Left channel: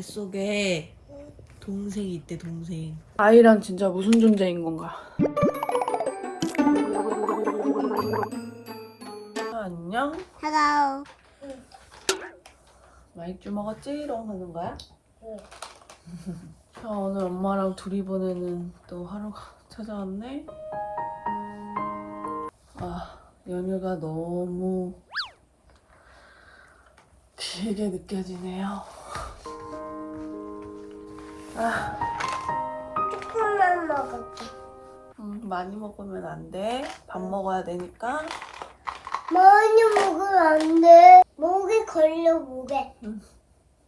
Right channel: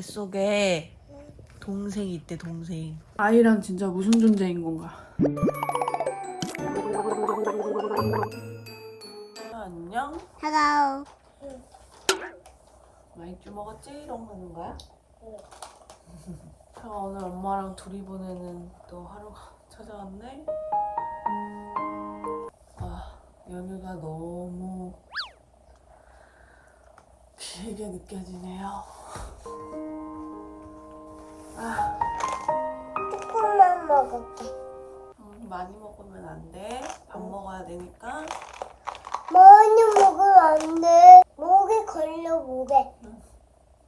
뱃속에 동생이 있대 동생 아이란 진짜 무슨 존재인 건가? 안녕 Hello. 마이쮸 먹었지롱 하는 거야? 자 오늘 엄마랑 둘이 보내는 또 하루가 찾아왔네 아 연휴가 너무 길게 느껴지네요 아 조금만 먹을게. 음, 많이 먹으면 안 돼. 밥 먹어야 되니까. 많이 먹으면 안 돼. 목에 걸려 목에. 응.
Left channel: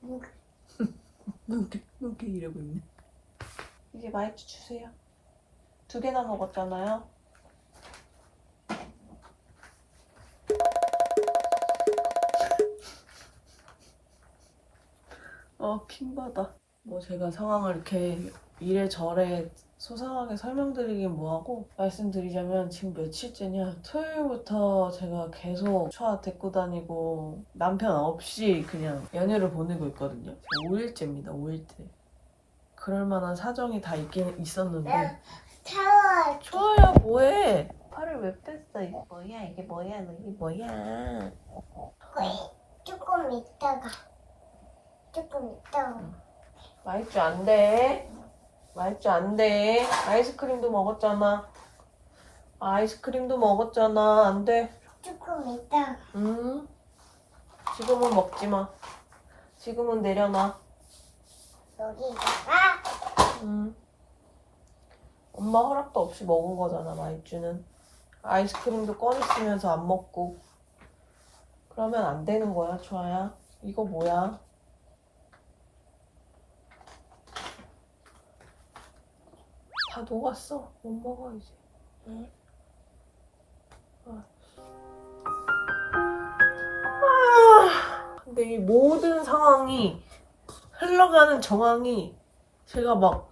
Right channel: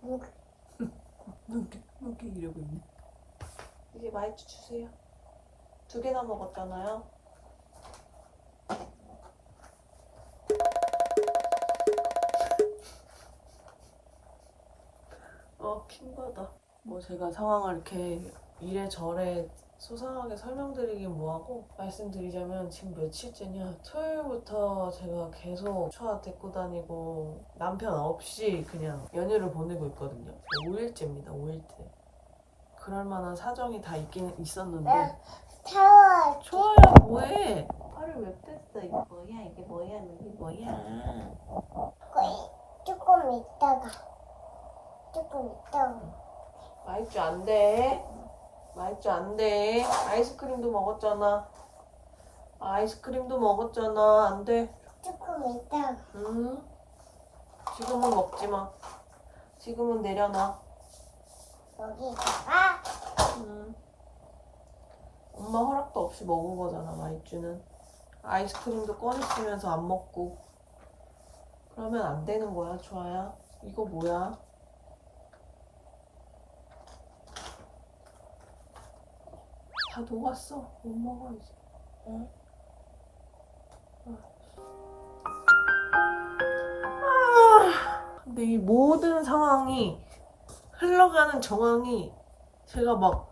목에. 이렇게 이렇게 이러고 있네. 이제 마이쮸 주세요. 두 개나 먹었잖아요. 어, 킹받아. 뭐 제가 상황을 이렇게 이래저래 소상하게 설명드리긴 뭐하고 말씀드리자면 지금 며칠째냐? 토요일부터 제가 계속 초아 데리고 다니고 남편 없이 그냥 연휴를 보내고 있거든요. 5일째입니다 5일째. 그럴 만한 사정이 다 있긴 있었는데. 초아야 뭐해? 팔을 왜 뺐어 이거 뭐야? 이게 뭐야? 이게 뭐야? 조금 있다가. 조금 있다가. 마이쮸 안돼. 마이쮸 안돼. 아이스크림도 먹었잖아. 아이스크림도 먹었잖아. 안 돼. 조금 있다가. 응? 지금은 먹지 마. 지금은 내려놔. 여기다가. 응. 엄마 허락도 없이 먹은 거잖아 마이쮸는 아이스크림도 꺼냈으면서 안 먹고. 그러면 안 되는 거야 초아야. 이거 뭐야 다 녹았어. 못 먹어 이제. 아, 근데 이 모든 상황이 흘러가는 정황이 제가 막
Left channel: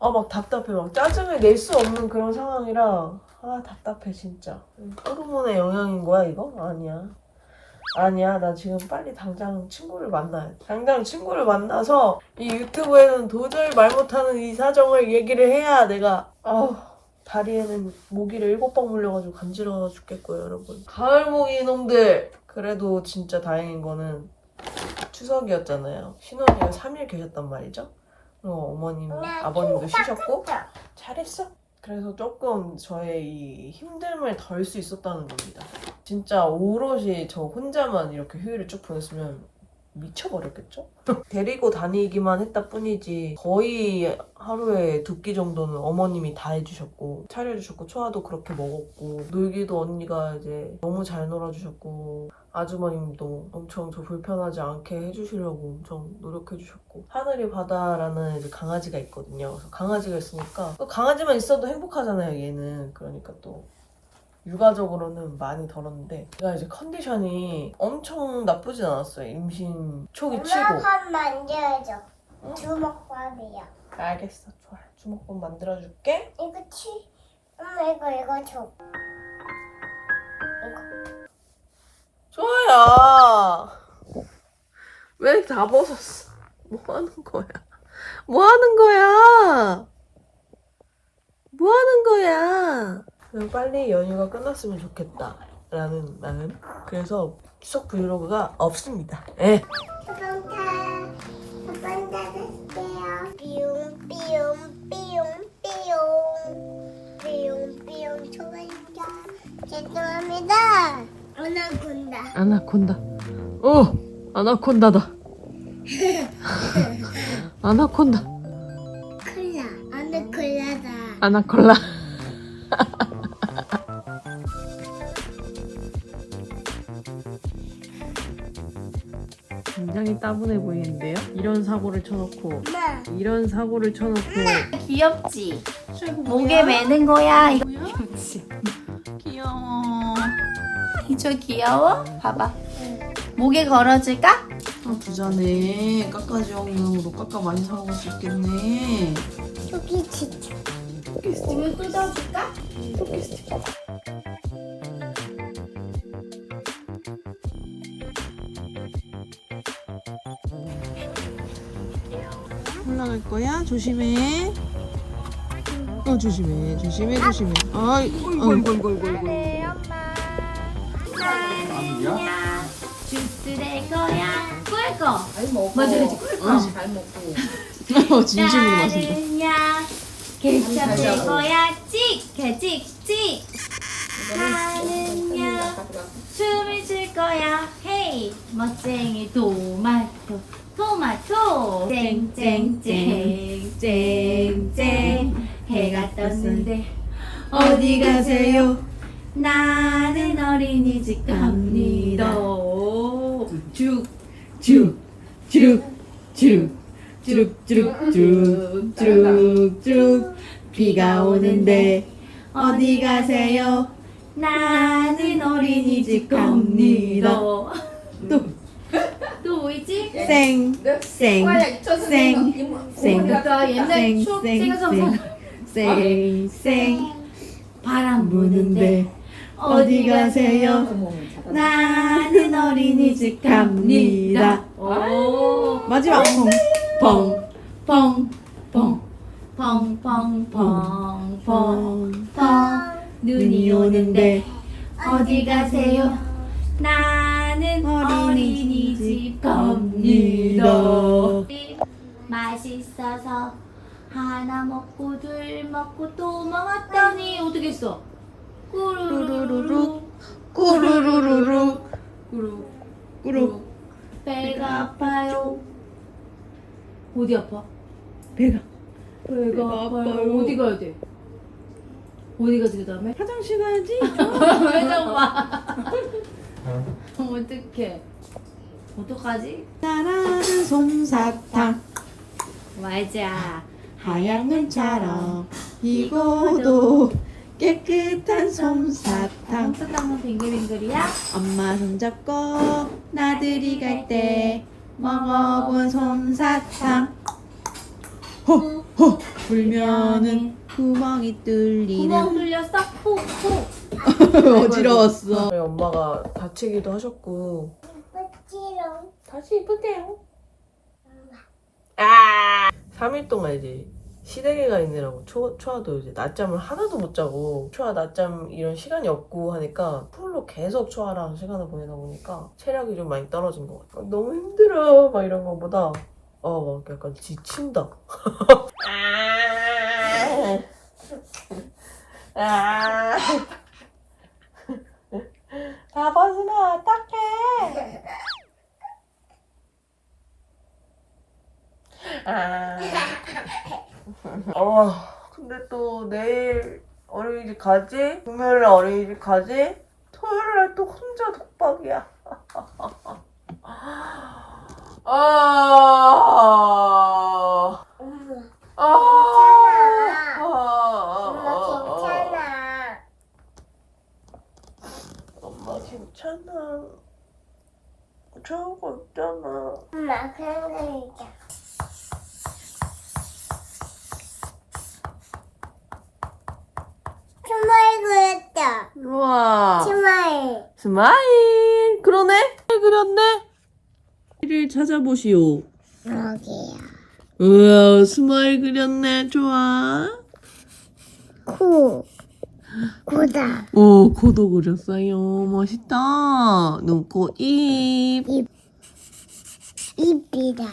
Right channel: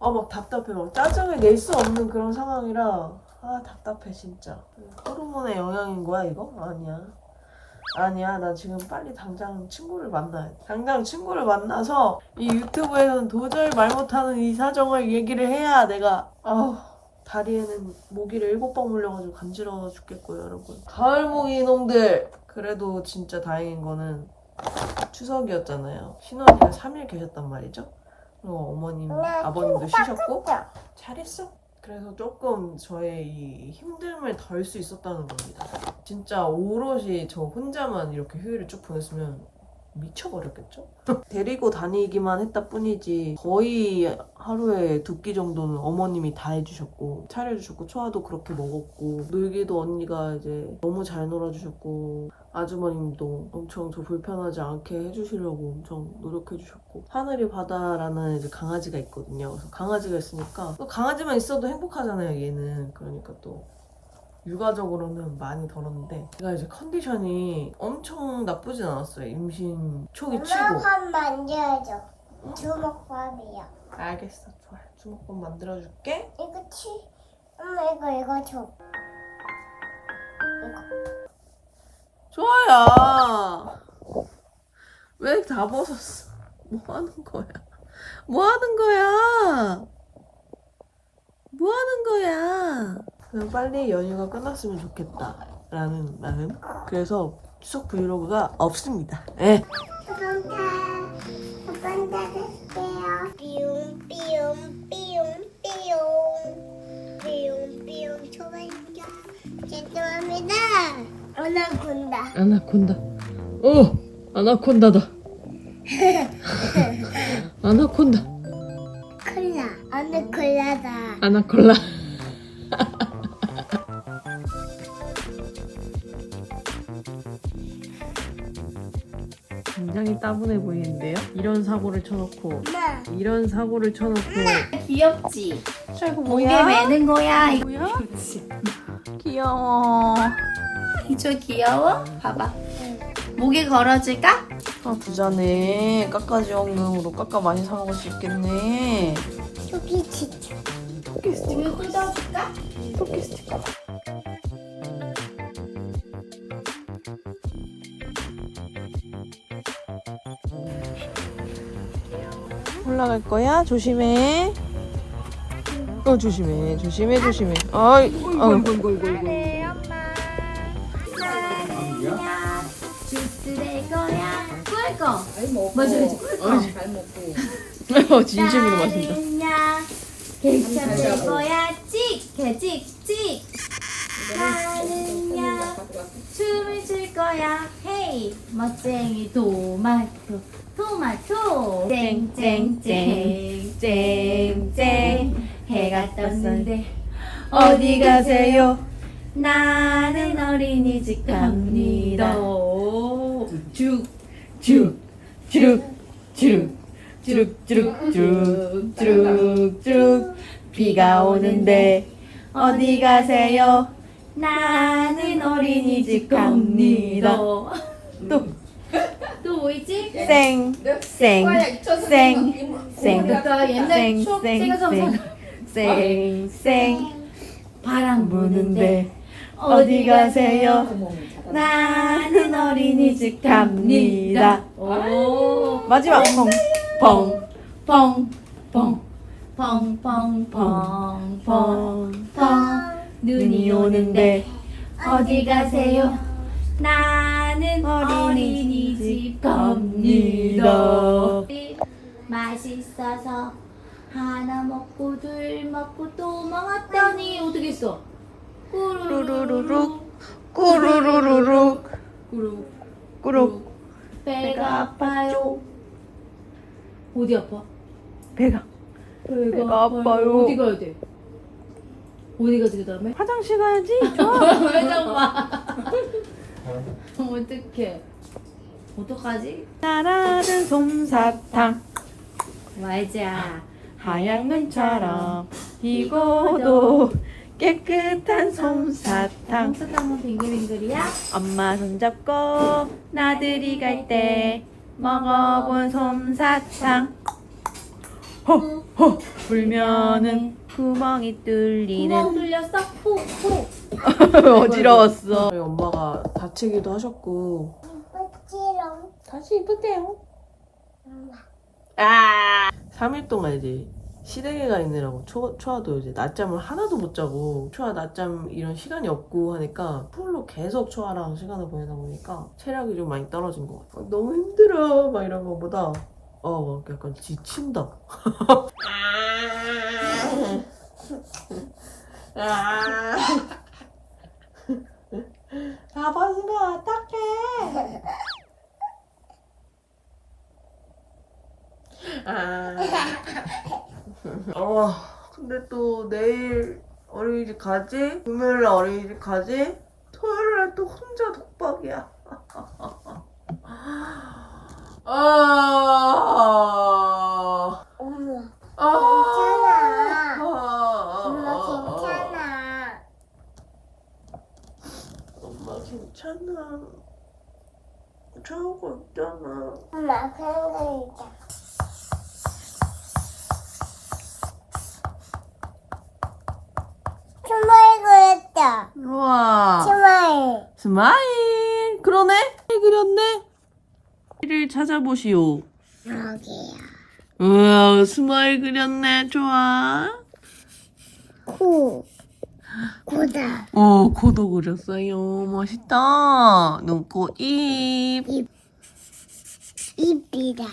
아 막 답답해. 막 짜증을 낼 수 없는 그런 상황이라 아 답답해 진짜. 호르몬의 영향인 거야 이거? 아니야 아니야 나 지금 빨리 당장 친구를 만나야 돼 당장 친구를 만나서 이 유튜브에는 도저히 말 못하는 이 사정을 얘기를 해야 내가 아우 다리에는 모기를 일곱 번 물려가지고 간지러워 죽겠고요 여러분. 가을 모기 놈들! 그래도 진짜 다행인 거는 추석이었잖아요. 신혼기가 3일 계셨단 말이죠? 어, 어머님 아버님도 쉬셨고? 잘했어. 그래서 조금 저의 이 힘듦을 덜 수 있었다는 겁니다. 진짜 오롯이 저 혼자만 이렇게 휴일을 쭉 보냈으면 미쳐버렸겠죠? 데리고 다니기만 했다 뿐이지 거의 하루에 두 끼 정도는 어머님이 다 해주셨고 차려주셨고 초아도 그렇게 먹었고 놀기도 언니가 이제 너무 잘 놀아주셨고 아주머님도 엄청 저 불편하지 않게 해주시려고 엄청 노력해주셨고 하늘이 바다라는 이제 강아지가 있거든요. 그래서 강아지가 있으니까 또 강아지만 있어도 행복하잖아요. 얘는 그러니까 또 육아적으로는 많이 덜었는데 제가 이제 컨디션이 엄청 나쁘진 않았어요. 임신 초기 치고. 엄마 밥 만져야죠. 응? 주먹밥이야. 알겠어, 좋아. 주먹밥 만들어줄게. 이거 치. 엄마 이거 이거 줘. 좋아야. 왜다 벗었어? 뭐 하는 거야? 뭐 하는 거야? 뭐 하는 거야? 그냥 빨리 연휴가 끝났으면 좋겠다. 라는 마음. 그래서 추석 브이로그가 없습니다. 예. 수동타 한번 더 할게요. 삐용 삐용 삐용 삐용 삐용 삐용 초반자 죄송합니다. 아나콘다. 아나콘다. 어! 아나콘다다. 아나콘다. 콜라 아나콜라다. 아나콜라. 굉장히 따분해 보이는데요? 이런 사고를 쳐놓고 엄마 이런 사고를 쳐놓고 귀엽지? 아이고 목에 매는 거야. 이거 뭐야? 귀여워 저 귀여워? 봐봐. 목에 걸어줄까? 아 부자네 깎아지원금으로 깎아 많이 사 먹을 수 있겠네 여기 진짜 이거 뜯어줄까? 올라갈 거야? 조심해. 어 조심해, 조심해, 조심해. 어이, 어이, 주스 될 거야. 꿀 거. 맞아, 맞아. 꿀 거. 어, 진심으로 마신다. 나는야 케첩 될 거야. 찍, 개, 찍, 찍. 나는야 춤을 출 거야. 헤이, 멋쟁이 토마토. 토마토 쨍쨍쨍 쨍쨍 해가 떴는데 어디 가세요? 나는 어린이집 갑니다. 쭉, 쭉, 쭉, 쭉, 쭉, 쭉, 쭉, 쭉, 쭉. 비가 오는데 어디 가세요? 나는 어린이집 갑니다. 또, 있지? 생, 생, 생, 생, 그러니까 옛날 생, 추억 생, 생각하면서 생, 생, 생. 바람 부는데 어디 가세요? 나는 어린이집 갑니다. 오. 마지막 펑. 펑, 펑, 펑, 펑, 펑, 펑, 펑, 펑. 눈이 오는데 어디 가세요? 나 는 어린이집 갑니다. 맛있어서 하나 먹고 둘 먹고 또 먹었더니 어떻게 했어? 꾸루루룩 꾸루루루룩, 꾸룩 꾸룩. 배가 아파요. 어디 아파? 배가. 배가, 배가 아파요. 어디 가야 돼? 어디 가지 그 다음에? 화장실 가야지. 왜 어떡해? 어떡하지? 나라는 솜사탕. 맞아. 하얀 눈처럼 이고도 깨끗한 솜사탕. 솜사탕은 빙글빙글이야? 엄마 손잡고 나들이 갈 때 먹어본 솜사탕. 호호 불면은 구멍이 구멍 뚫리는 뚫렸어? 호, 호. 어지러웠어. 저희 엄마가 다치기도 하셨고. 다시 이쁘대요. 아 3일 동안 이제 시댁에 가 있느라고 초, 초아도 이제 낮잠을 하나도 못 자고 초아 낮잠 이런 시간이 없고 하니까 풀로 계속 초아랑 시간을 보내다 보니까 체력이 좀 많이 떨어진 것 같아. 너무 힘들어 막 이런 거보다 어 막 약간 지친다. 아. 다 벗으면 어떡해. 아. 어, 근데 또 내일 어린이집 가지? 금요일날 어린이집 가지? 토요일 날 또 혼자 독박이야. 아. 엄마. 아. 엄마 괜찮아. 엄마 괜찮아. 저거 있잖아. 엄마 괜찮아. 스마일 그렸다. 우와. 스마일. 스마일. 그러네. 잘 그렸네. 를 찾아보시오. 여기야. 우와, 스마일 그렸네. 좋아. 코. 코다. 오, 코도 그렸어요. 멋있다. 눈, 코, 입. 입이다.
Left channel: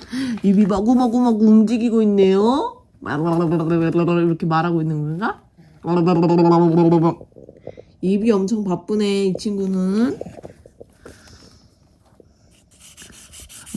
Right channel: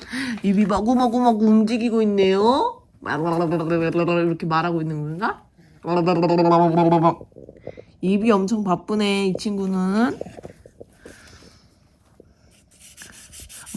입이 마구마구마구 움직이고 있네요. 이렇게 말하고 있는 건가? 입이 엄청 바쁘네, 이 친구는.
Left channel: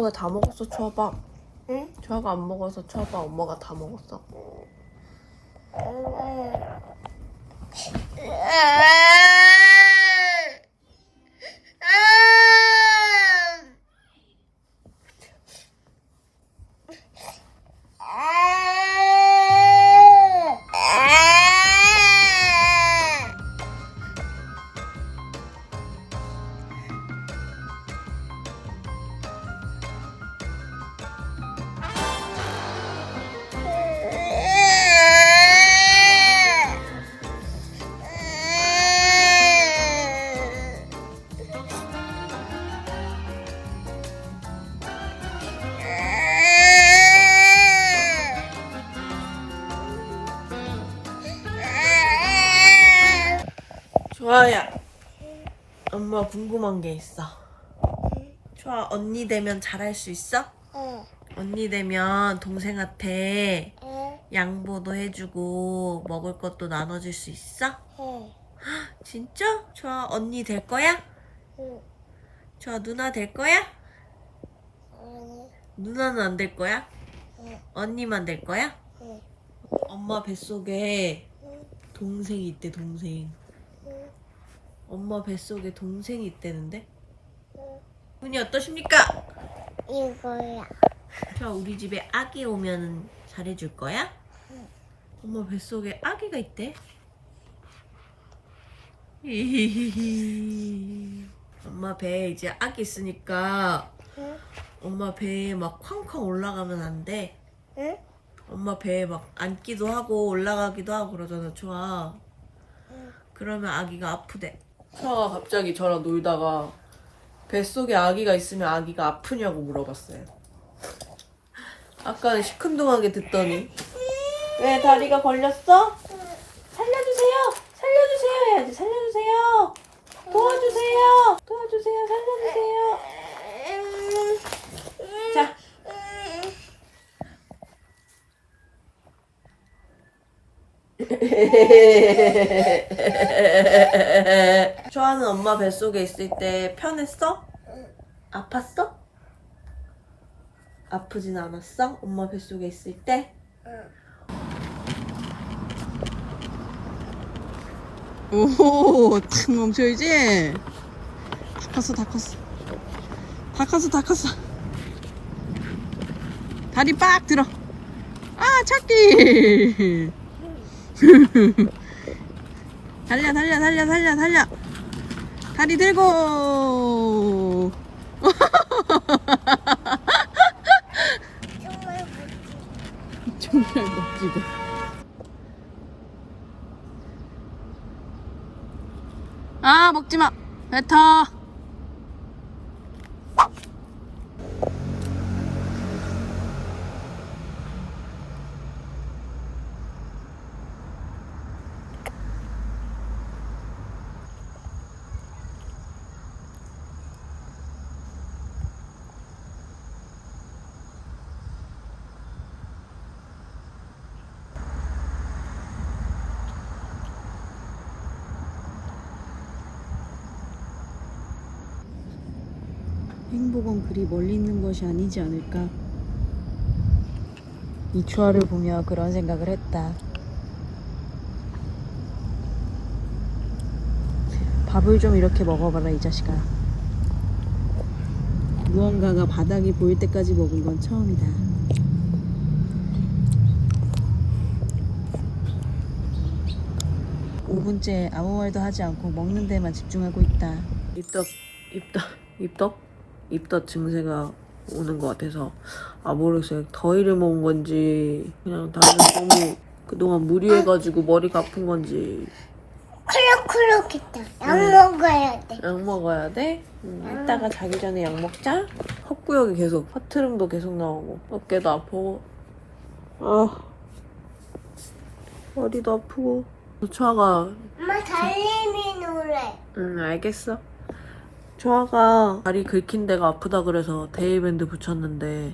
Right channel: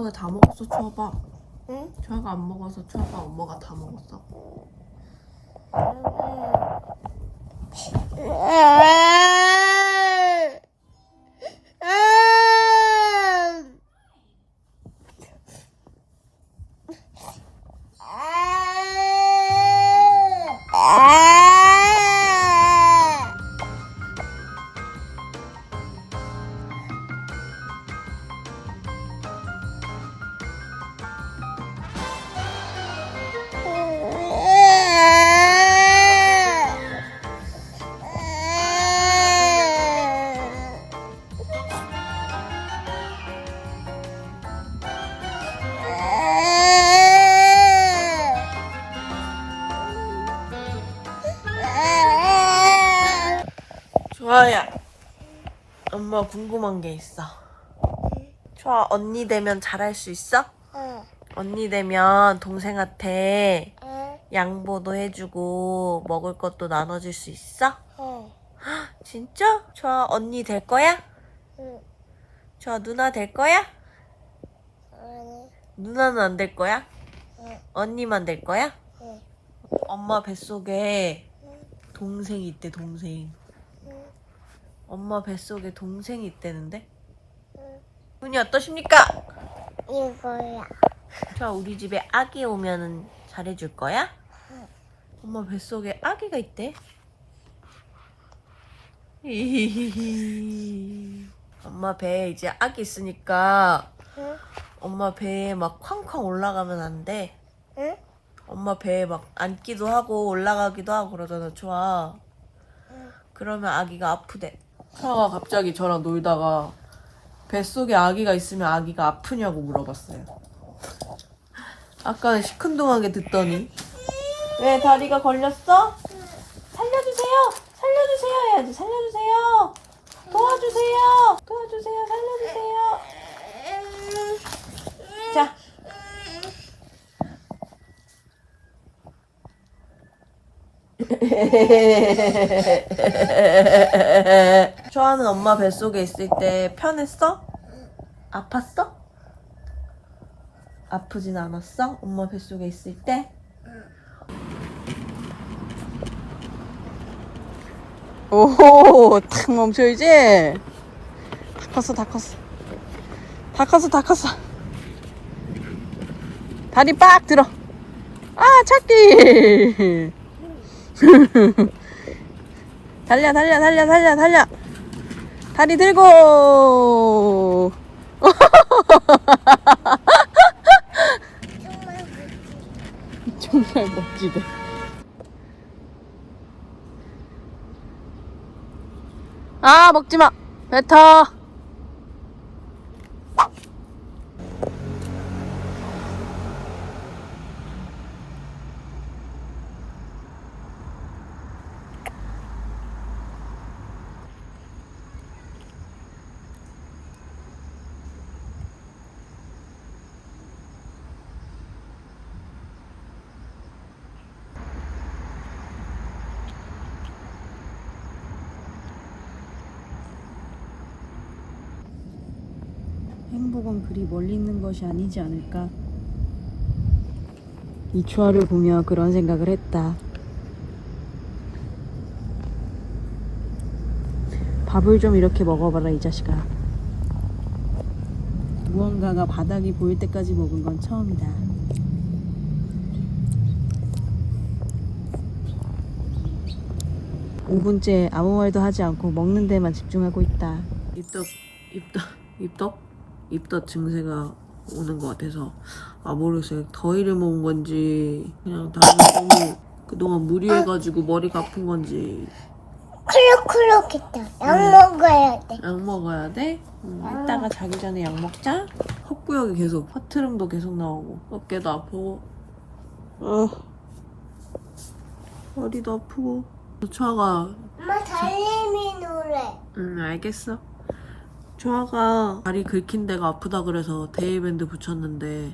엄마가 다 먹었어 초밥 응? 초아가 안 먹어서 초밥 엄마가 다 먹었어 궁금한 게 있어 좋아 언니 되면 잘할 수 있어? 응. 언니 되면 동생한테 응. 양보도 해주고 먹을 것도 나눠줄 수 있어? 응. 진짜? 좋아 언니 될 거야? 응. 좋아 누나 될 거야? 아니. 누나는 안 될 거야? 응. 언니만 될 거야? 응. 엄마 뱃속에 응. 동생이 있대 동생 응. 엄마 뱃속에 동생이 있대는데? 응. 분이 어떠십니까? 이거야. 좋아 우리 집에 아기 오면은 잘해줄 거야? 응. 엄마 뱃속에 아기가 있대. 엄마 배에 이제 아기 있으니까 응. 엄마 배에 막 쾅쾅 올라가면 안 돼. 응. 엄마 배에 막 앉기도 하고 올라가기도 하고 그러잖아, 좋아. 응. 그러면 아기가 아프대. 차가 갑자기 저랑 놀다가 뱃속에 아기가 있으면 아기가 아프냐고 물어봤어요. 아까는 시큰둥하게 듣더니 왜 다리가 걸렸어? 살려주세요! 살려주세요! 해야지 살려주세요! 도와주세요! 도와주세요! 살려주세요! 자 좋아하는 엄마 뱃속에 있을 때 편했어? 아팠어? 아프진 않았어? 엄마 뱃속에 있을 때? 오호, 탁 멈춰야지. 다 컸어, 다 컸어. 다 컸어, 다 컸어. 다리 빡 들어. 아, 찾기. 달려, 달려, 달려, 달려, 달려. 다리 들고. 정말 멋지다. 아, 먹지 마. 뱉어. 행복은 그리 멀리 있는 것이 아니지 않을까? 이 추화를 보며 그런 생각을 했다. 밥을 좀 이렇게 먹어봐라 이 자식아. 무언가가 바닥이 보일 때까지 먹은 건 처음이다. 오분째 아무 말도 하지 않고 먹는 데만 집중하고 있다. 입덧 입덧 입덧 입덧 증세가 오는 것 같아서. 아 모르겠어요. 더위를 먹은 건지 그냥 다들 너무 그동안 무리해가지고 머리가 아픈 건지. 쿨룩쿨룩했다. 약 먹어야 돼. 약 먹어야 돼? 음, 이따가 자기 전에 약 먹자. 헛구역이 계속 허트름도 계속 나오고. 어깨도 아프고. 아 머리도 아프고. 초아가 엄마 달리미 노래. 응 알겠어 초아가 다리 긁힌 데가 아프다 그래서 데이밴드 붙였는데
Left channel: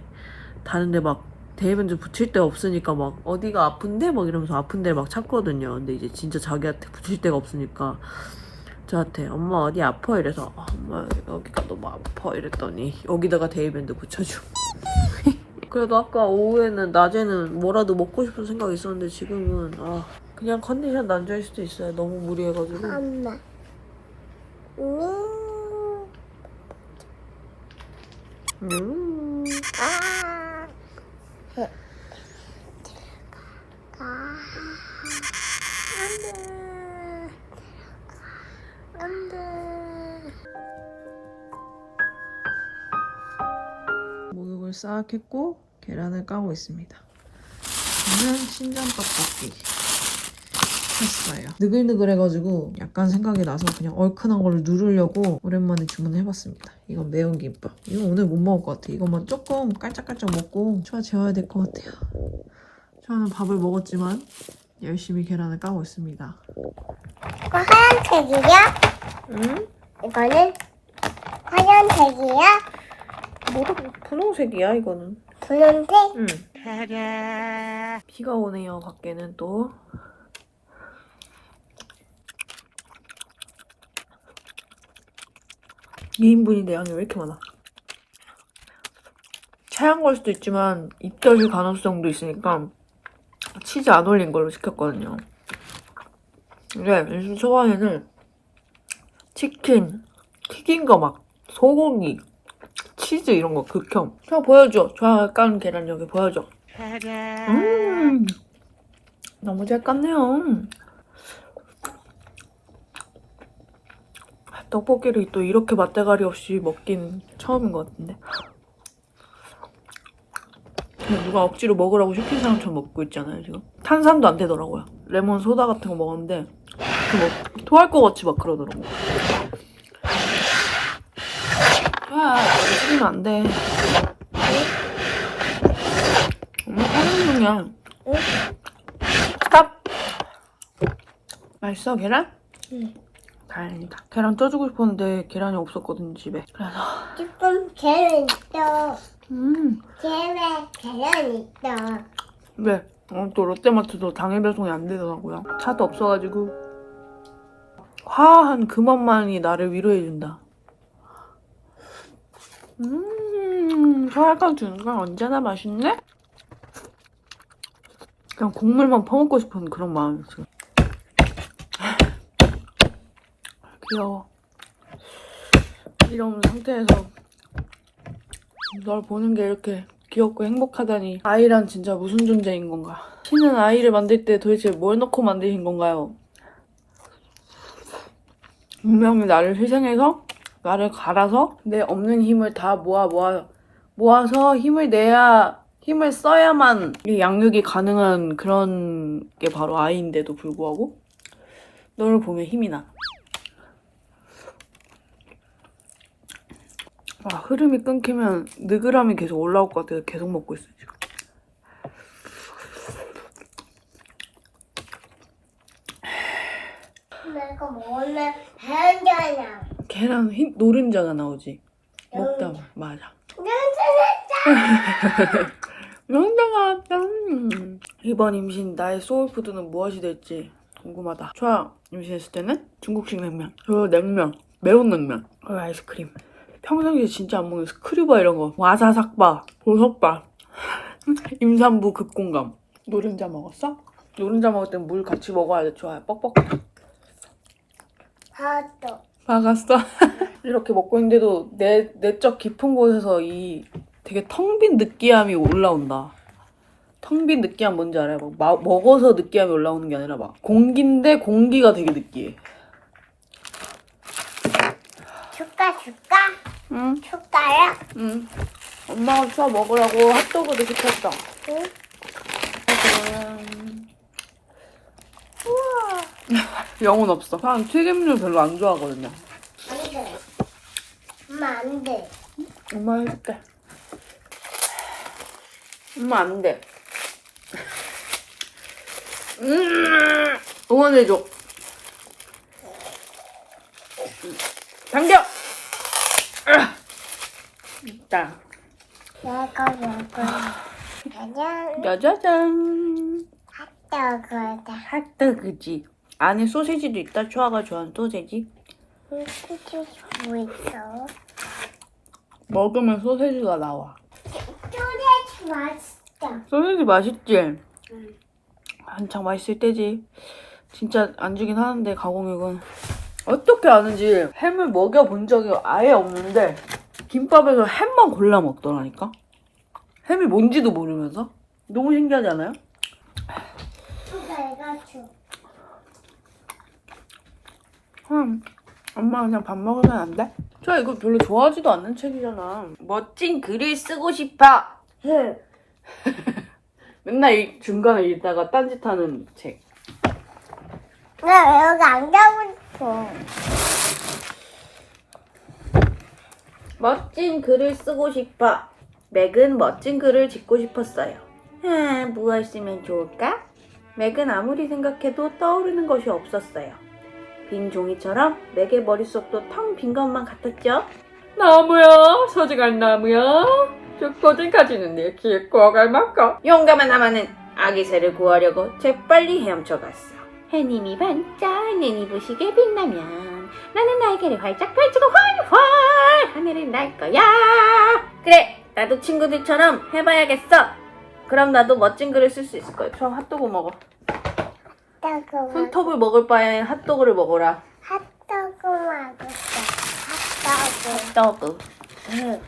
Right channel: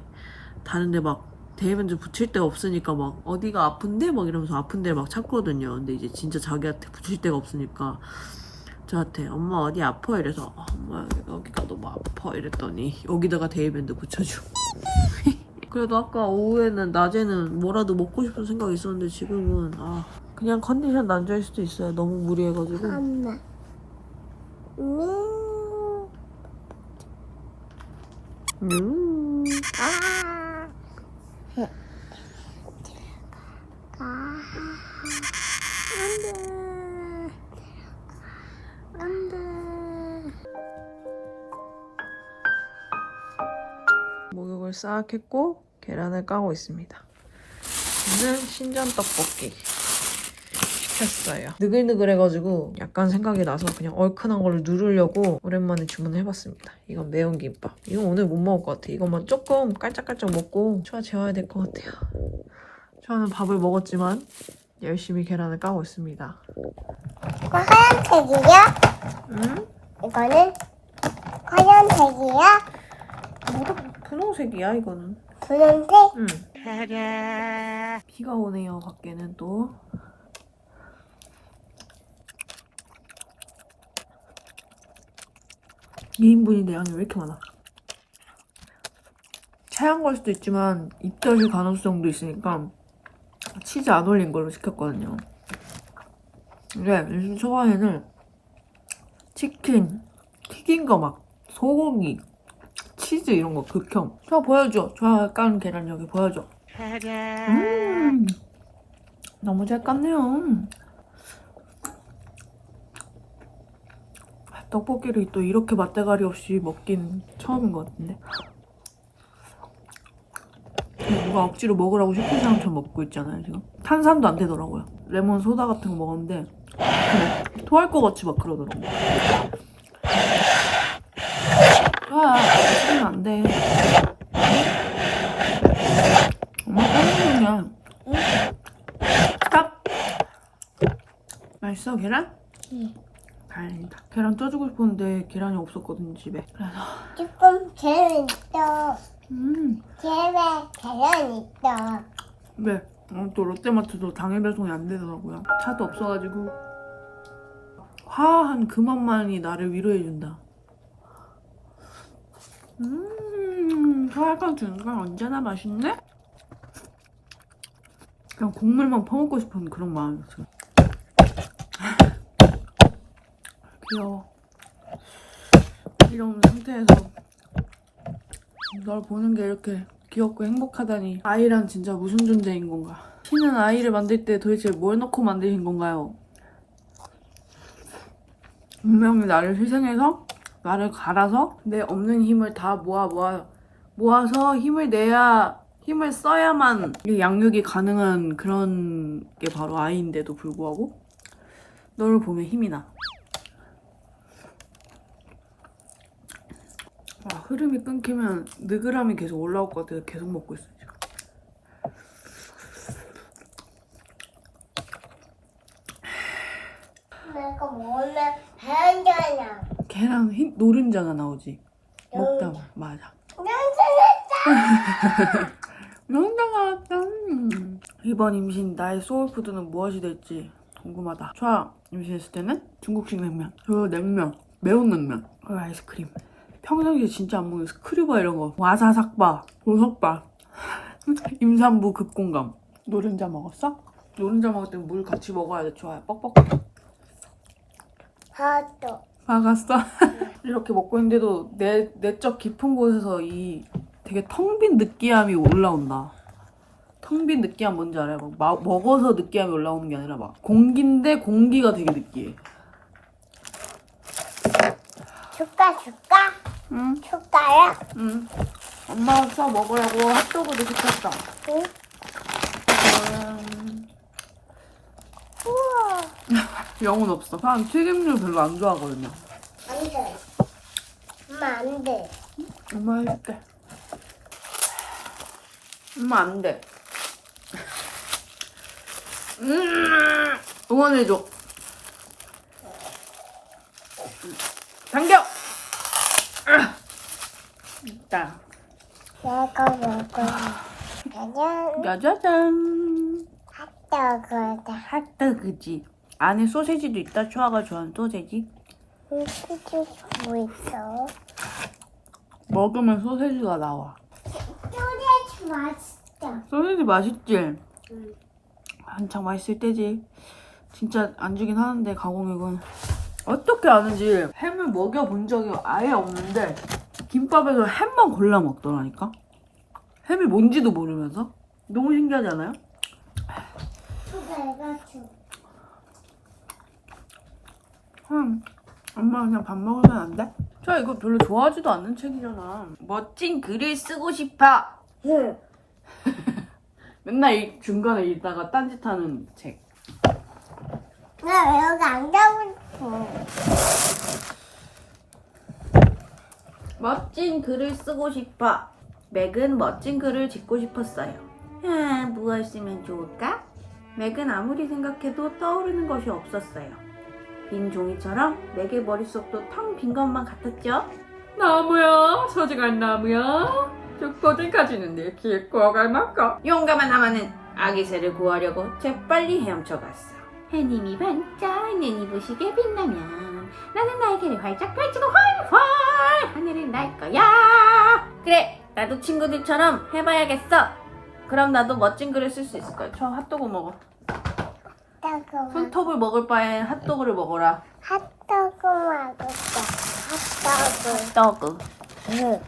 다른 데 막 데이밴드 붙일 데가 없으니까 막 어디가 아픈데 막 이러면서 아픈 데를 막 찾거든요 근데 이제 진짜 자기한테 붙일 데가 없으니까 저한테 엄마 어디 아파 이래서 아, 엄마 여기가 너무 아파 이랬더니 여기다가 데일밴드 붙여줘. 그래도 아까 오후에는 낮에는 뭐라도 먹고 싶은 생각이 있었는데 지금은 아 그냥 컨디션 난조일 수도 있어요. 너무 무리해가지고. 엄마. 음. 목욕을 싹 했고 계란을 까고 있습니다. 저는 신전 떡볶이 했어요. 느글느글해가지고 약간 생각이 나서 그냥 얼큰한 걸 누르려고 오랜만에 주문해봤습니다. 이건 매운 김밥. 이거 오늘 못 먹을 것 같아. 이것만 조금 깔짝깔짝 먹고 초아 재워야 될 것 같아요. 초아는 밥을 먹었지만 열심히 계란을 까고 있습니다. 이거 하얀색이야? 응? 이거는 하얀색이야? 뭐라 분홍색이야 이거는. 분홍색? 응. 비가 오네요, 밖에는 또. 이인분인데 양이 왜 이렇게 많아? 차양 걸 수도 있지만 입덧일 가능성도 있으니까 치즈 안 올린 걸로 시켰거든요. 근데 요즘 초반에는 치킨, 튀긴 거 막 소고기, 치즈 이런 거 극혐. 저 보여줘. 저 깐 계란 여기 보여줘. 음, 너무 잘 깠네요. 떡볶이를 또 이렇게 맛대가리 없이 먹긴 처음인 것 같은데. 누가 억지로 먹으라고 시킨 사람처럼 먹고 있잖아요, 지금. 탄산도 안 되더라고요. 레몬 소다 같은 거 먹었는데, 그뭐 토할 것 같이 막 그러더라고. 아, 먹으면 안 돼. 엄마 하는 중이야. 응? 스탑! 맛있어, 계란? 응. 다행이다. 계란 쪄주고 싶었는데 계란이 없었거든, 집에. 그래서, 조금 계란 있어. 음, 계란, 계란 있어. 왜? 어, 또 롯데마트도 당일 배송이 안 되더라고요. 차도 없어가지고. 화한 그 맛만이 나를 위로해준다. 음, 소알강 주는 건 언제나 맛있네? 그냥 국물만 퍼먹고 싶은 그런 마음이 지금. 귀여워. 이런 상태에서 널 보는 게 이렇게 귀엽고 행복하다니 아이란 진짜 무슨 존재인 건가 신은 아이를 만들 때 도대체 뭘 넣고 만드신 건가요? 분명히 나를 희생해서 나를 갈아서 내 없는 힘을 다 모아 모아 모아서 힘을 내야 힘을 써야만 이 양육이 가능한 그런 게 바로 아이인데도 불구하고 너를 보면 힘이 나. 와, 흐름이 끊기면 느그람이 계속 올라올 것 같아서 계속 먹고 있어요, 지금. 내가 먹으면 계란잖아. 계란 흰 노른자가 나오지. 먹다 보면. 맞아. 노른자가 나왔다. 음. 이번 임신 나의 소울푸드는 무엇이 될지 궁금하다. 초아 임신했을 때는 중국식 냉면, 그리고 냉면, 매운 냉면, 그리고 아이스크림. 평상시에 진짜 안 먹는 스크류바 이런 거, 와사삭바, 보석바, 임산부 급공감. 노른자 먹었어? 노른자 먹을 땐 물 같이 먹어야 돼, 좋아요. 뻑뻑. 하도. 막았어. 이렇게 먹고 있는데도 내 내적 깊은 곳에서 이 되게 텅 빈 느끼함이 올라온다. 텅 빈 느끼함 뭔지 알아요? 막 마- 먹어서 느끼함이 올라오는 게 아니라 막 공기인데 공기가 되게 느끼해. 줄까, 줄까? 응, 줄까요? 응. 엄마가 추워 먹으라고 핫도그도 시켰어. 응. 지금 영혼 없어. 난 튀김류 별로 안 좋아하거든요. 안 돼. 엄마, 안 돼. 엄마 해줄게. 엄마 안 돼. 음, 응원해줘. 당겨! 아, 있다. 짜자잔. 떡을 핫도그지. 안에 소세지도 있다. 초아가 좋아하는 소세지. 소세지 뭐 있어? 먹으면 소세지가 나와. 소세지 맛있다. 소세지 맛있지? 한창 맛있을 때지. 진짜 안 주긴 하는데 가공육은 어떻게 아는지 햄을 먹여본 적이 아예 없는데 김밥에서 햄만 골라 먹더라니까. 햄이 뭔지도 모르면서 너무 신기하지 않아요? 음, 엄마 그냥 밥 먹으면 안 돼? 저 이거 별로 좋아하지도 않는 책이잖아. 멋진 글을 쓰고 싶어. 응. 맨날 이 중간에 읽다가 딴짓하는 책. 나 여기 안 가고 싶어. 멋진 글을 쓰고 싶어. 맥은 멋진 글을 짓고 싶었어요. 아, 무엇 쓰면 좋을까? 맥은 아무리 생각해도 떠오르는 것이 없었어요. 빈 종이처럼 맥의 머릿속도 텅 빈 것만 같았죠? 나무야, 소중한 나무야. 죽보든 가지는 내 키에 꼬아갈 만큼 용감한 하마는 아기 새를 구하려고 재빨리 헤엄쳐갔어. 해님이 반짝 눈이 부시게 빛나면 나는 날개를 활짝 펼치고 활활 하늘을 날 거야. 그래, 나도 친구들처럼 해봐야겠어. 그럼 나도 멋진 글을 쓸 수 있을 거야. 저 핫도그 먹어. 핫도그 손톱을 먹을 바엔 핫도그를 먹어라. 핫도그 맛있어. 핫도그. 응.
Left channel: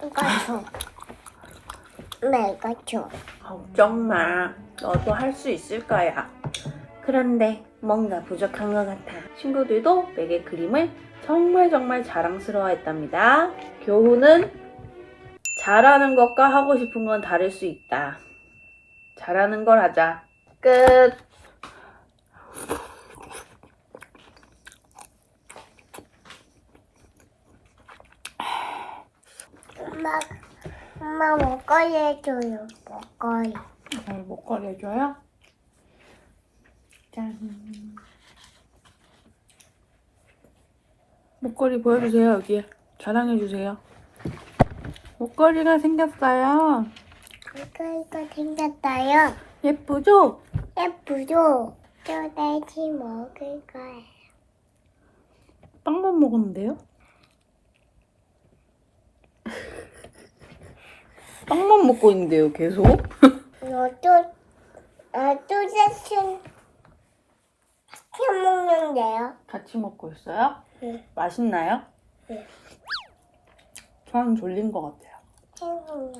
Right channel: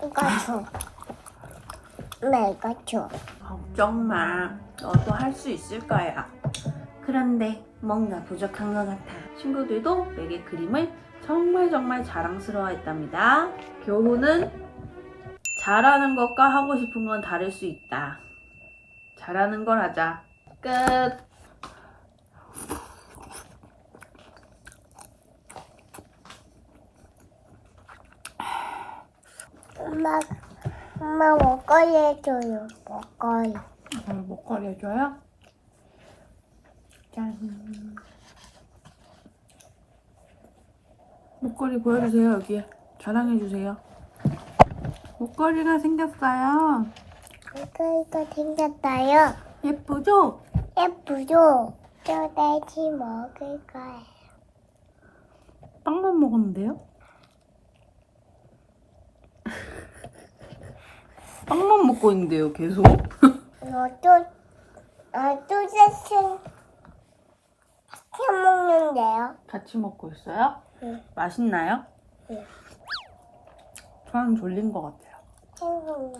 이거 이거 줘. 걱정 마. 너도 할 수 있을 거야. 그런데 뭔가 부족한 것 같아. 친구들도 맥의 그림을 정말 정말 자랑스러워했답니다. 교훈은 잘하는 것과 하고 싶은 건 다를 수 있다. 잘하는 걸 하자. 끝. 엄마, 엄마 먹거리 해줘요. 먹거리. 잘 먹거리 해줘요. 짠. 목걸이 보여주세요, 여기에. 자랑해주세요. 목걸이가 생겼어요. 먹거리가 생겼어요. 예쁘죠? 예쁘죠? 소세지 먹을 거예요. 빵만 먹었는데요? 빵만 먹고 있는데요, 계속? 너도, 아, 소세지 시켜 먹는데요? 같이 먹고 있어요? 응. 맛있나요? 응. 저는 졸린 것 같아요. 생각나.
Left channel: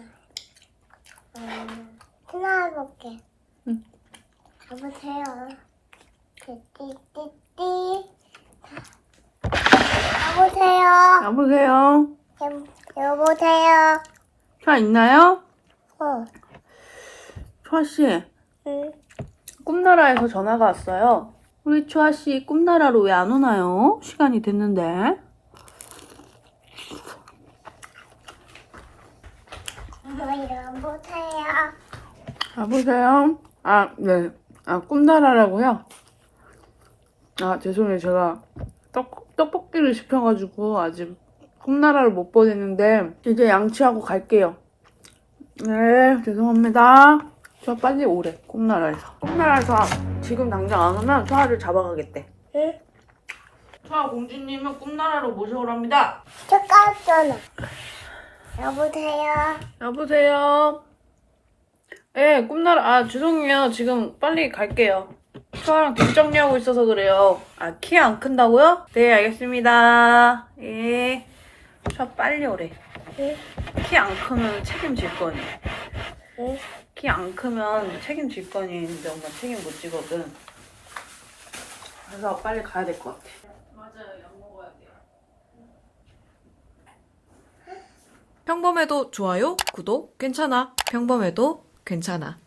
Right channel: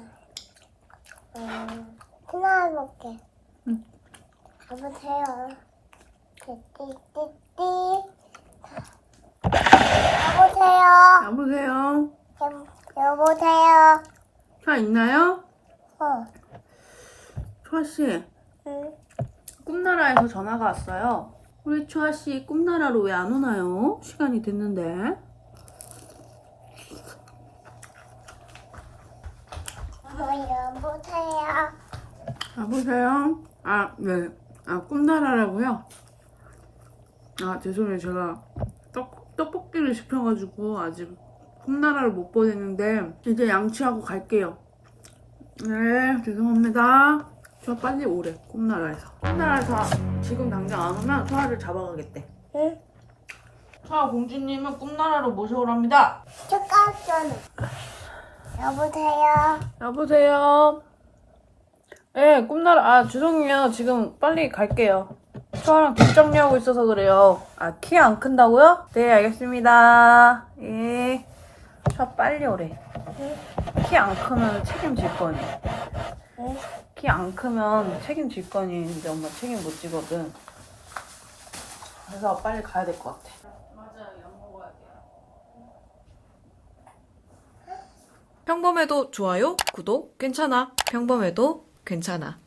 음, 하나 볼게. 응. 여보세요. 띠띠띠띠. 여보세요. 여보세요? 여, 여보세요. 차 있나요? 어. 초아 씨, 응. 꿈나라에서 전화가 왔어요. 우리 초아 씨 꿈나라로 왜 안 오나요? 시간이 됐는데. 여보세요. 여보세요? 아, 네. 아, 꿈나라라고요? 아, 죄송해요. 제가 떡, 떡볶이를 시켜가지고 아직 꿈나라를 못 보냈는데 이제 양치하고 갈게요. 네, 죄송합니다. 저 빨리 오래, 꿈나라에서. 꿈나라에서 지금 당장 안 오면 소아를 잡아가겠대. 응? 소아 공주님은 꿈나라로 모셔오랍니다. 잠깐만. 여보세요. 여보세요? 네, 꿈나라, 아, 죄송해요. 지금 빨리 갈게요. 소아랑 뒷 정리하고 있어서 그래요. 아, 키 안 큰다고요? 네, 알겠습니다. 예. 저 빨리 오래. 응? 키 안 크면 책임질 거니. 응? 키 안 크면 책임질 거니. 근데 엄마 책임 못 지거든. 그래서 빨리 가야 될 것 같아. 평범해도 좋아요, 구독, 괜찮아. 평범해도 괜찮아.